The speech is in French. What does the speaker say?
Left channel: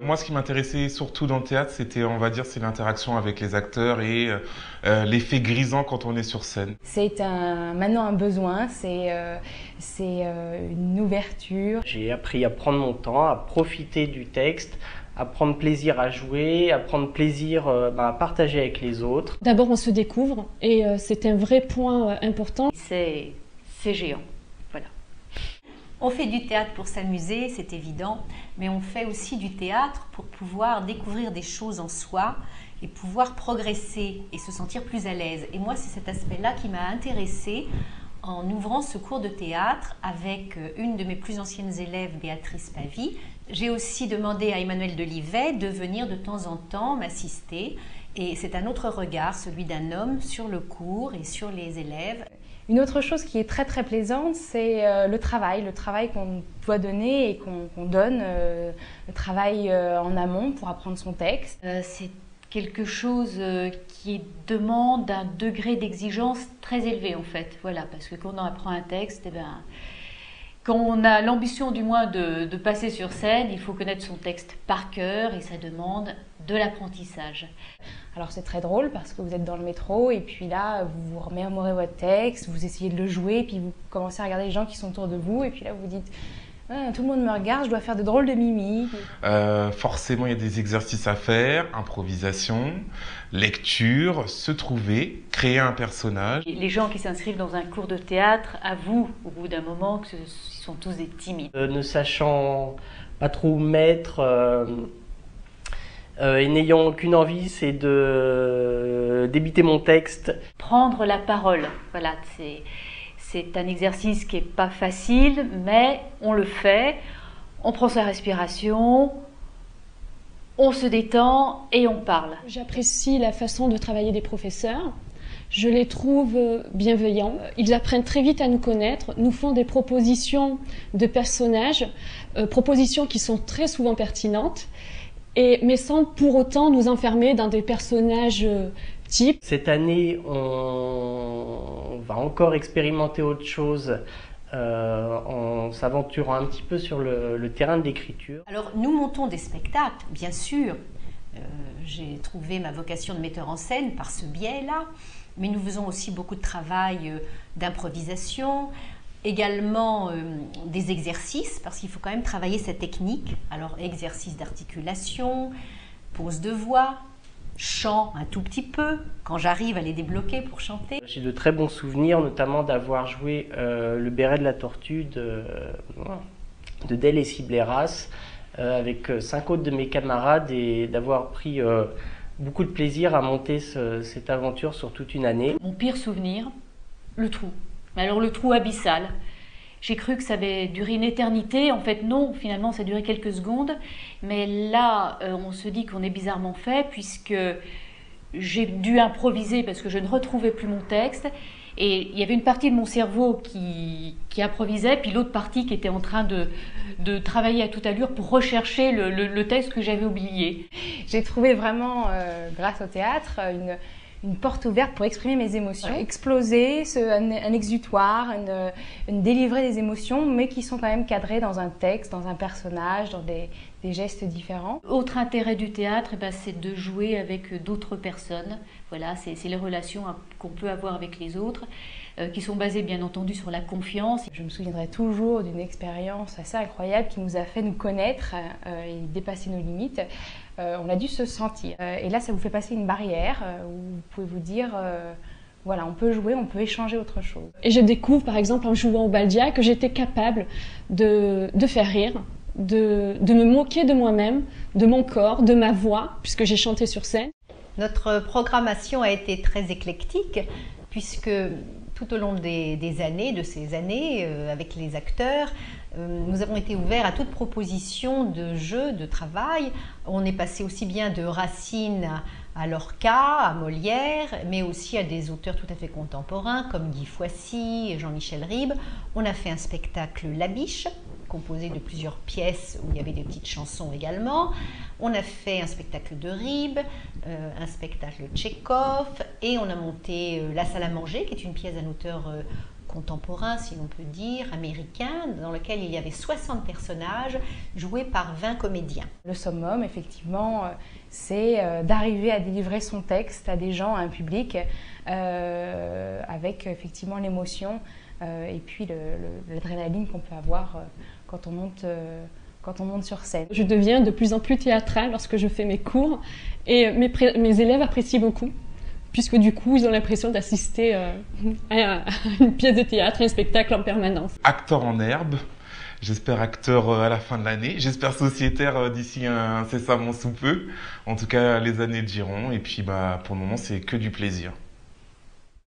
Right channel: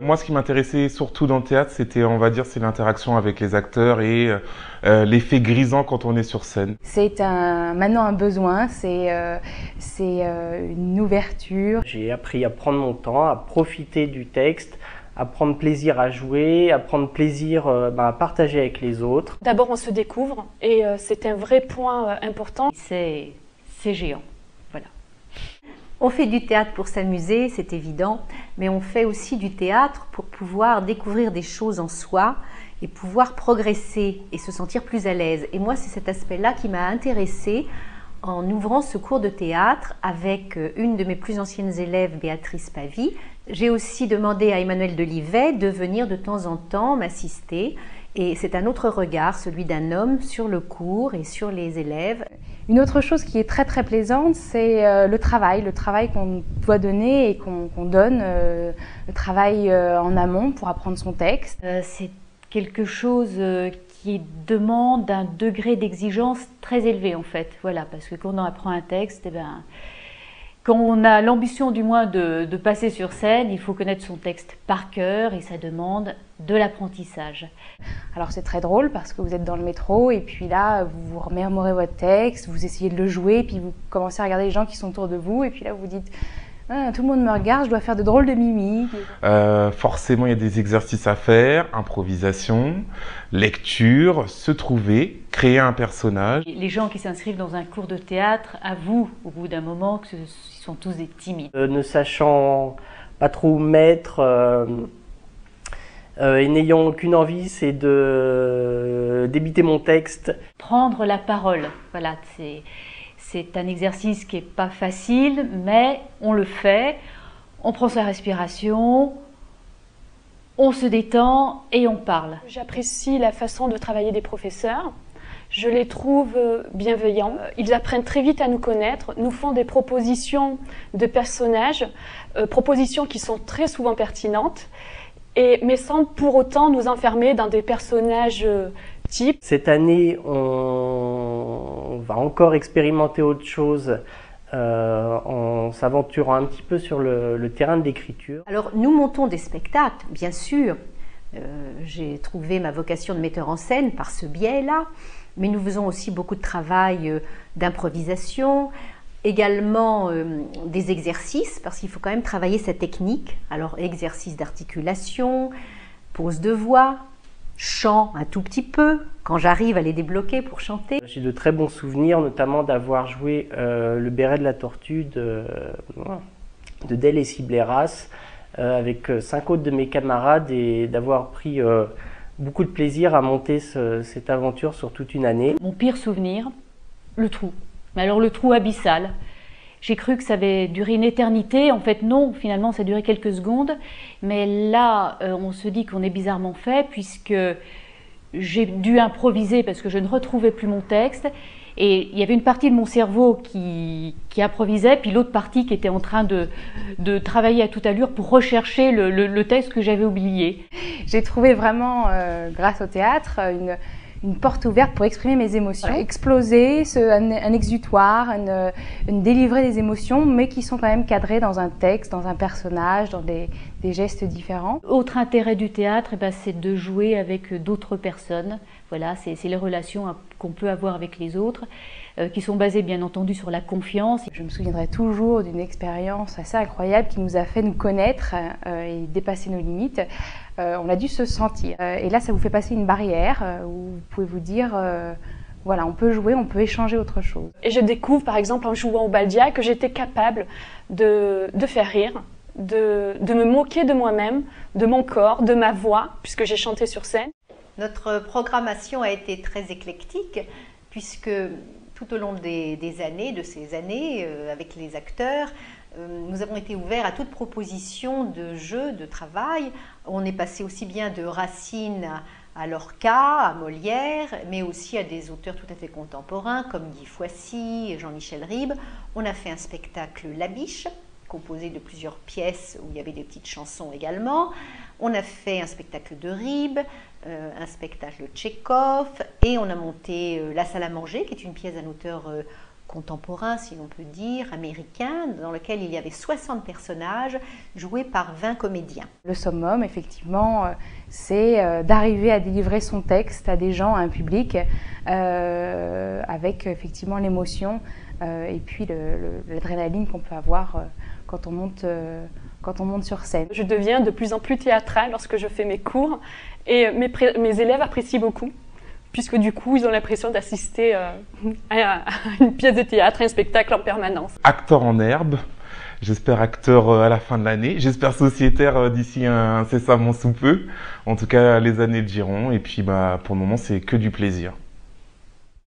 Moi, ce qui m'intéressait surtout dans le théâtre, c'était, on va dire, c'est l'interaction avec les acteurs et l'effet grisant quand on est sur scène. C'est maintenant un besoin, une ouverture. J'ai appris à prendre mon temps, à profiter du texte, à prendre plaisir à jouer, à prendre plaisir à partager avec les autres. D'abord, on se découvre et c'est un vrai point important. C'est géant. Voilà. On fait du théâtre pour s'amuser, c'est évident, mais on fait aussi du théâtre pour pouvoir découvrir des choses en soi et pouvoir progresser et se sentir plus à l'aise. Et moi, c'est cet aspect-là qui m'a intéressée en ouvrant ce cours de théâtre avec une de mes plus anciennes élèves, Béatrice Pavie. J'ai aussi demandé à Emmanuel Delivet de venir de temps en temps m'assister. Et c'est un autre regard, celui d'un homme, sur le cours et sur les élèves. Une autre chose qui est très très plaisante, c'est le travail qu'on doit donner et qu'on donne, le travail en amont pour apprendre son texte. C'est quelque chose qui demande un degré d'exigence très élevé en fait, voilà, parce que quand on apprend un texte, quand on a l'ambition du moins de passer sur scène, il faut connaître son texte par cœur et ça demande de l'apprentissage. Alors c'est très drôle parce que vous êtes dans le métro et puis là vous vous remémorez votre texte, vous essayez de le jouer, puis vous commencez à regarder les gens qui sont autour de vous et puis là vous vous dites ah, tout le monde me regarde, je dois faire de drôles de mimiques. Forcément, il y a des exercices à faire, improvisation, lecture, se trouver, créer un personnage. Les gens qui s'inscrivent dans un cours de théâtre avouent au bout d'un moment que ce sont tous des timides. Ne sachant pas trop où mettre et n'ayant aucune envie, c'est de débiter mon texte. Prendre la parole, voilà, c'est un exercice qui n'est pas facile, mais on le fait, on prend sa respiration, on se détend et on parle. J'apprécie la façon de travailler des professeurs. Je les trouve bienveillants. Ils apprennent très vite à nous connaître, nous font des propositions de personnages, propositions qui sont très souvent pertinentes, mais sans pour autant nous enfermer dans des personnages types. Cette année, on va encore expérimenter autre chose en s'aventurant un petit peu sur le terrain de l'écriture. Alors, nous montons des spectacles, bien sûr. J'ai trouvé ma vocation de metteur en scène par ce biais-là, mais nous faisons aussi beaucoup de travail d'improvisation, également des exercices, parce qu'il faut quand même travailler cette technique. Alors, exercice d'articulation, pose de voix, chant un tout petit peu, quand j'arrive à les débloquer pour chanter. J'ai de très bons souvenirs, notamment d'avoir joué le béret de la tortue de Del et Cibleras avec 5 autres de mes camarades et d'avoir pris beaucoup de plaisir à monter cette aventure sur toute une année. Mon pire souvenir, le trou. Mais alors le trou abyssal. J'ai cru que ça avait duré une éternité. En fait, non, finalement, ça a duré quelques secondes. Mais là, on se dit qu'on est bizarrement fait puisque j'ai dû improviser parce que je ne retrouvais plus mon texte. Et il y avait une partie de mon cerveau qui improvisait, puis l'autre partie qui était en train de travailler à toute allure pour rechercher le texte que j'avais oublié. J'ai trouvé vraiment, grâce au théâtre, une porte ouverte pour exprimer mes émotions, exploser, un exutoire, délivrer des émotions, mais qui sont quand même cadrées dans un texte, dans un personnage, dans des gestes différents. Autre intérêt du théâtre, c'est de jouer avec d'autres personnes. Voilà, c'est les relations qu'on peut avoir avec les autres, qui sont basées bien entendu sur la confiance. Je me souviendrai toujours d'une expérience assez incroyable qui nous a fait nous connaître et dépasser nos limites. On a dû se sentir. Et là, ça vous fait passer une barrière où vous pouvez vous dire, voilà, on peut jouer, on peut échanger autre chose. Et je découvre, par exemple, en jouant au Baldia, que j'étais capable de faire rire, de me moquer de moi-même, de mon corps, de ma voix, puisque j'ai chanté sur scène. Notre programmation a été très éclectique, puisque tout au long de ces années, avec les acteurs, nous avons été ouverts à toute proposition de jeu, de travail. On est passé aussi bien de Racine à Lorca, à Molière, mais aussi à des auteurs tout à fait contemporains comme Guy Foissy et Jean-Michel Ribes. On a fait un spectacle La Biche, composé de plusieurs pièces où il y avait des petites chansons également. On a fait un spectacle de Ribes, un spectacle Tchekhov, et on a monté La Salle à manger, qui est une pièce d'un auteur contemporain, si l'on peut dire, américain, dans lequel il y avait 60 personnages joués par 20 comédiens. Le summum, effectivement, c'est d'arriver à délivrer son texte à des gens, à un public, avec effectivement l'émotion et puis l'adrénaline qu'on peut avoir quand on monte sur scène. Je deviens de plus en plus théâtrale lorsque je fais mes cours et mes élèves apprécient beaucoup, puisque du coup, ils ont l'impression d'assister à une pièce de théâtre, un spectacle en permanence. Acteur en herbe, j'espère acteur à la fin de l'année, j'espère sociétaire d'ici incessamment sous peu. En tout cas, les années le diront, et puis pour le moment, c'est que du plaisir.